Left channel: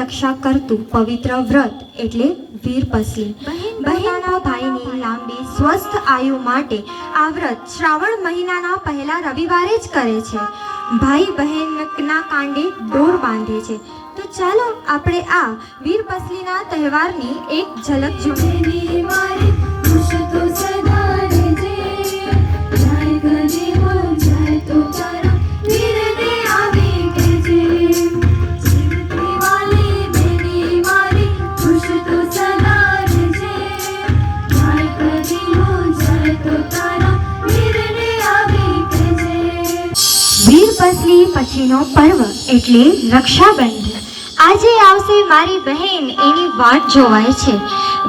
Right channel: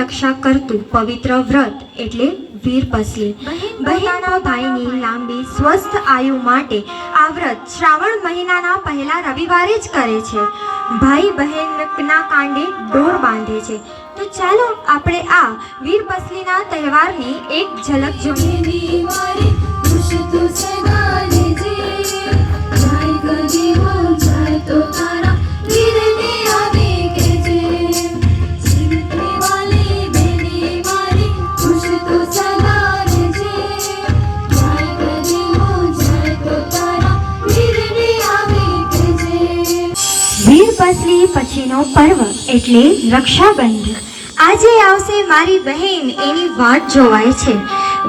રક્ષા કરતું પવિત્ર વ્રત એટલે વીરપસલી. બહેનના ભાઈની લાંબી સ્વસ્થ આયુ માટે આ વ્રત શ્રાવણ મહિનાના પહેલા રવિવારે જ કરે છે. ભાઈ બહેનના કાંડે દોર બાંધે છે. તો ચાલો આપણે આ વીરપસલીના તહેવારની એક ઝલક જોઈએ. વીરપસલી પછીનો પર્વ એટલે રક્ષાબંધન. આજે આવશે મારી બહેન એની વાટ જોવાય છે.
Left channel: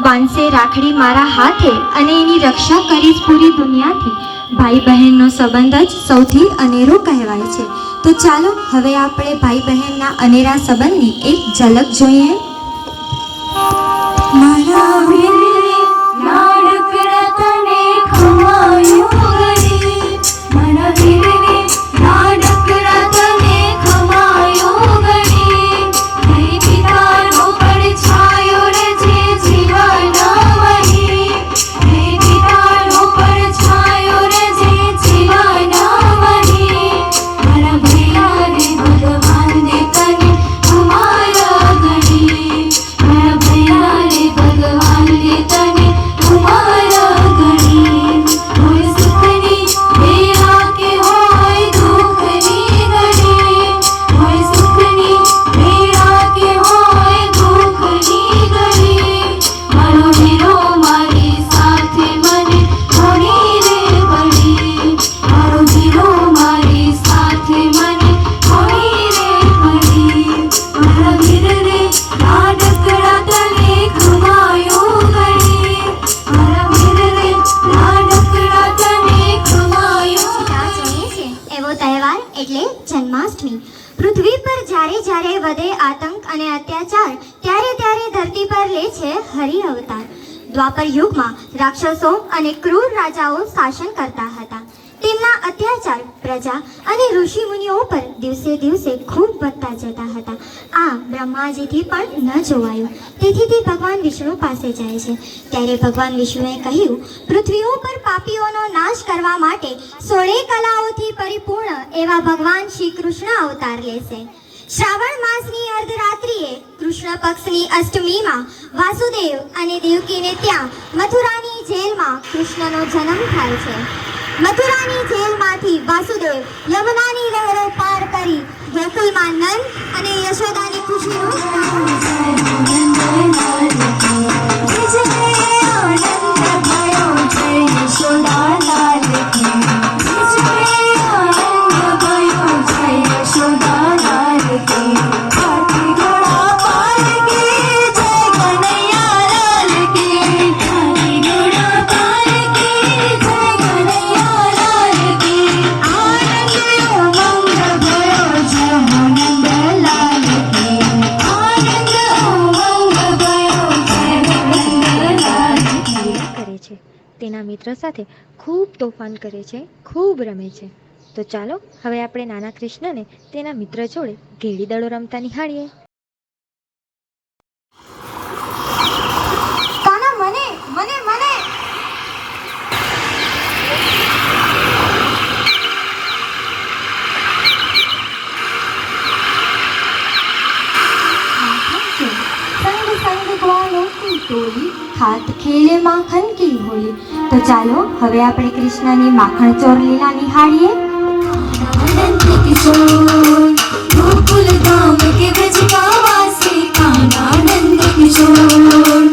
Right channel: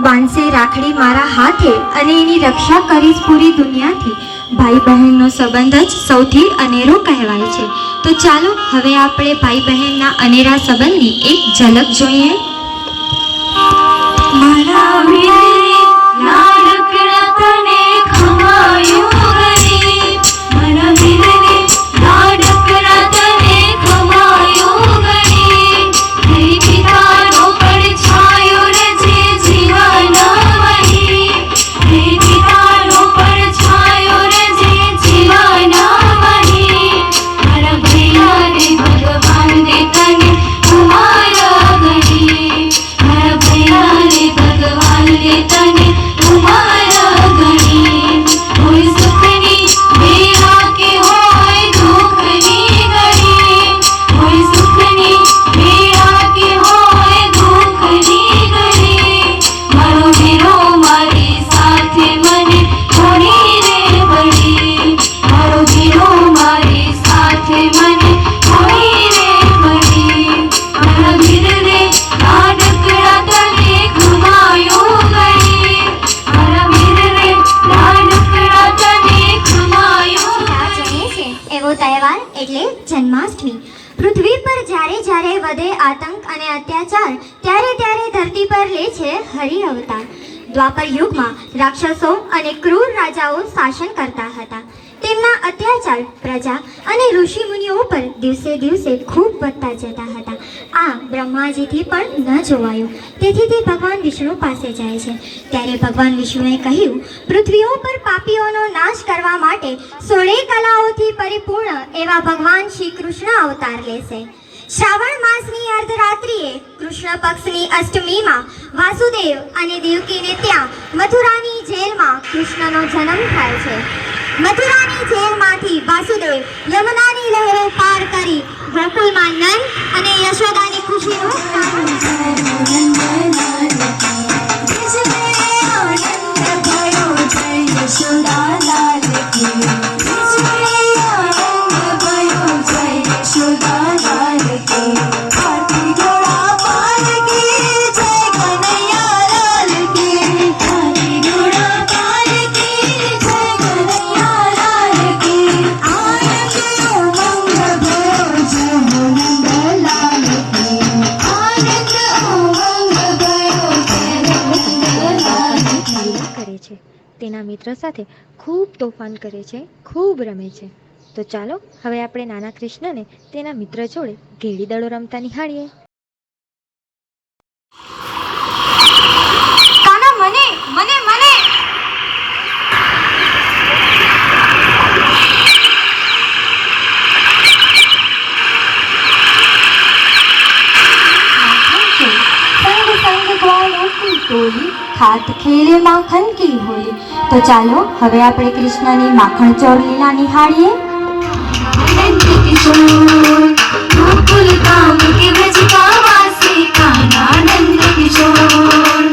બાંધશે રાખડી મારા હાથે અને એની રક્ષા કરીશ પૂરી દુનિયાથી. ભાઈ બહેનનો સંબંધ જ સૌથી અનેરો કહેવાય છે. તો ચાલો હવે આપણે ભાઈ બહેનના અનેરા સંબંધની એક ઝલક જોઈએ. મારા વીરે લાડકડા તને ખમાયો ગરી, મારા વીરે લાડકડા તને ખમાયો ગરી, નહીં પિતાનો પડછાયો રે જે જીવાના વહી, નહીં પિતાનો પડછાયો રે જે જીવાના વહી, મારા ભૈયા રે ભગવાન દે તને અમારા ગરી, મારા ભૈયા રે ભગવાન દે તને અમારા ગરી. હોય સુખની બેરા કે હોય દુઃખની ઘડી, હોય સુખની બેરા કે હોય દુઃખની ઘડી, મારો વીરો મારી સાથે મને છોડી રે પડી, મારો વીરો મારી સાથે મને છોડી રે પડી, મારા વીર રે લાડકડા તને ખમાયો ગરી, મારા વીર રે લાડકડા તને ખમાયો ગરી. એવો તહેવાર એટલે જન્માષ્ટમી. પૃથ્વી પર જ્યારે જ્યારે વધે આતંક અને અત્યાચાર, ત્યારે ત્યારે ધરતી પર લે છે હરિ અવતાર. દ્વાપર યુગમાં રાક્ષસો અને ક્રૂર રાજાઓ શાસન કરતા હતા. તેમના અત્યાચાર પ્રજા અને ઋષિ મુનિઓ પર દિવસે દિવસે ખૂબ વધતા જતા હતા. આ બ્રહ્માજીથી પણ ન જોવાયું. તેથી તે ભગવાન વિષ્ણુ પાસે જાય છે. ત્યારે ભગવાન વિષ્ણુએ કહ્યું, પૃથ્વીઓ પર પાપીઓનો નાશ કરવા માટે 16 કલાઓથી પરિપૂર્ણ એવા ભગવાન શ્રી કૃષ્ણ અવતાર લેશે. શ્રાવણ માસની અર્ધરાત્રિએ કૃષ્ણ પક્ષની અષ્ટમીમાં વાસુદેવ અને દેવકીને ત્યાં મથુરાની જેલમાં કૃષ્ણનો જન્મ થાય છે. મથુરાની જેલમાંથી વાસુદેવ યમુનાની લહેરે પાર કરી ગોકુળમાં નંદ અને યશોદાની ખુશીનો તેના મિત્ર સાથે ખૂબ તોફાન કરે છે, ખૂબ રમે છે. તો ચાલો હવે આપણે નાના કૃષ્ણને તેના મિત્ર જોડે ઘેડી દડો રમતા નિહાળીએ. કાના મને મને મને हाथ खेले माखन की होली. तो ચાલો હવે આપણે કૃષ્ણની માખણ ચોર લીલા નિહાળીએ. ગોકુલ ધામ કે વ્રજ કા વાસી કાના નંદ કિશોર,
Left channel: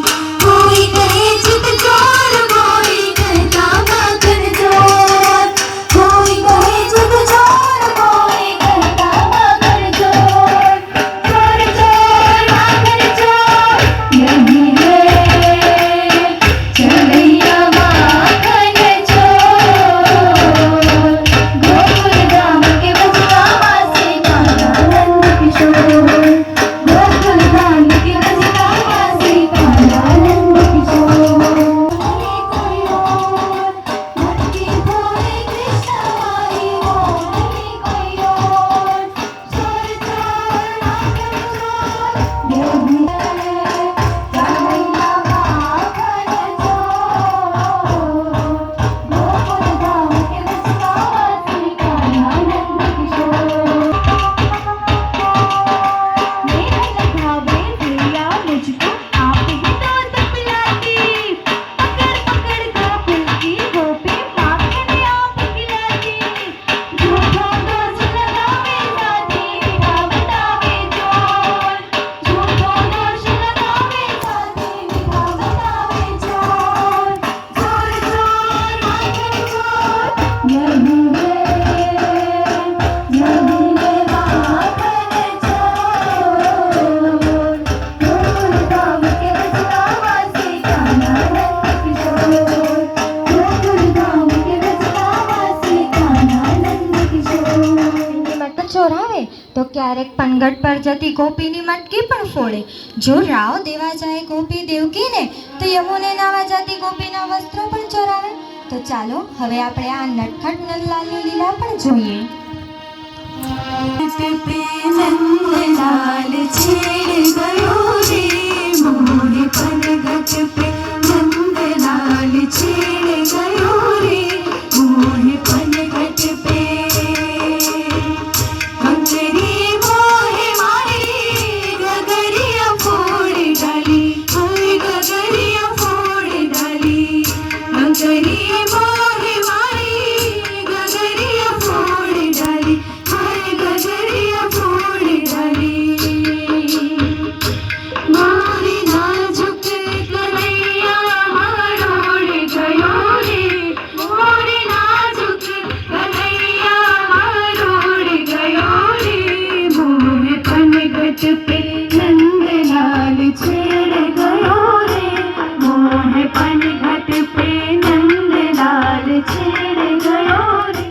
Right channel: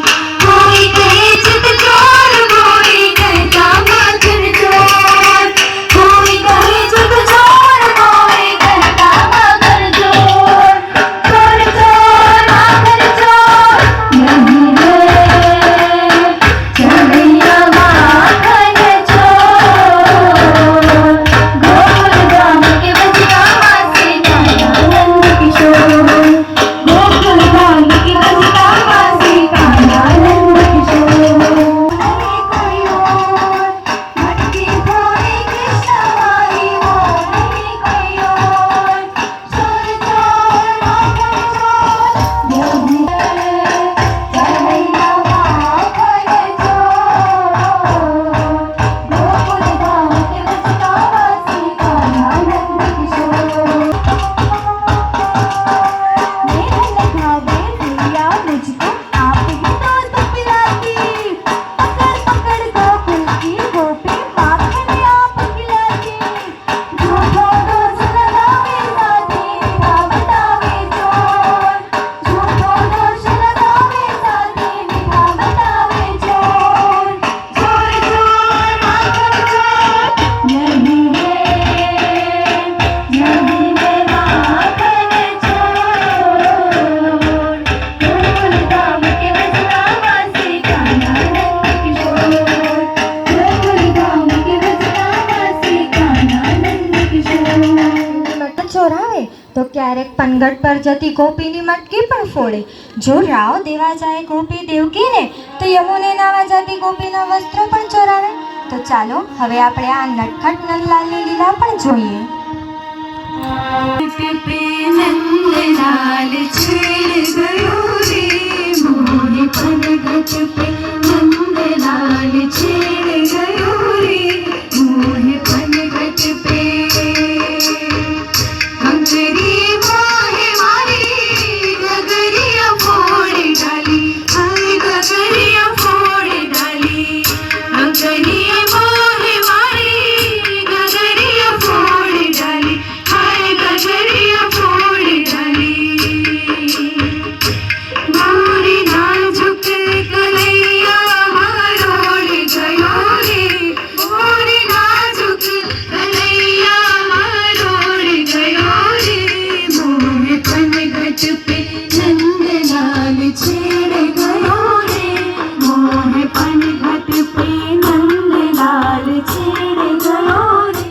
કોઈ કહે ચિત ચોર, કોઈ કહેતા માખન ચોર, કોઈ કહે ચિત ચોર, કોઈ કહેતા માખન ચોર, ચોર ચોર માખન ચોર નહીં રે ચલૈયા માખન ચોર. ગોકુલ ધામ કે વ્રજ કા વાસી કાના નંદ કિશોર, ગોકુલ ધામ કે વ્રજ કા વાસી કાના ક્યારેક પનગટ પર જતી ગોપીની મટકી પણ ફોડે. જો રાવ દેવા જાય ગોપી દેવકીને તો યમુને નાવા જતી ગોપીના વસ્ત્ર પણ ચોરાવે. તો ચાલો હવે આપણે આ નટખટ નંદલાલની લીલા પણ જોઈએ. नंदलाल छेड़ गयो रे मोहे पनघट पे नंदलाल छेड़ गयो रे मोहे पनघट पे कंकरी मोहे मारी गगरिया फोड़ डाली हाय गगरिया फोड़ डाली कंकरी मोहे मारी गगरिया फोड़ डाली हाय गगरिया फोड़ डाली मोरी नाजुक कलैया मरोड़ गयो रे मोरी नाजुक कलैया मरोड़ गयो रे मोहे पनघट पे नंदलाल छेड़ गयो रे मोहे पनघट पे नंदलाल छेड़ गयो रे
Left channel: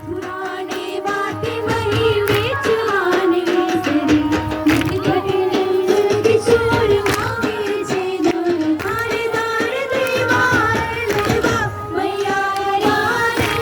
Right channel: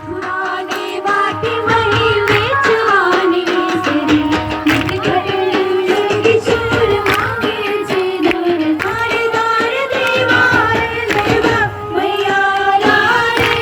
पुराने बाटे महिल वेचवानी सरी निकटन किशोर मांगे छे दूर थारेदार देवा लेवा मैया रे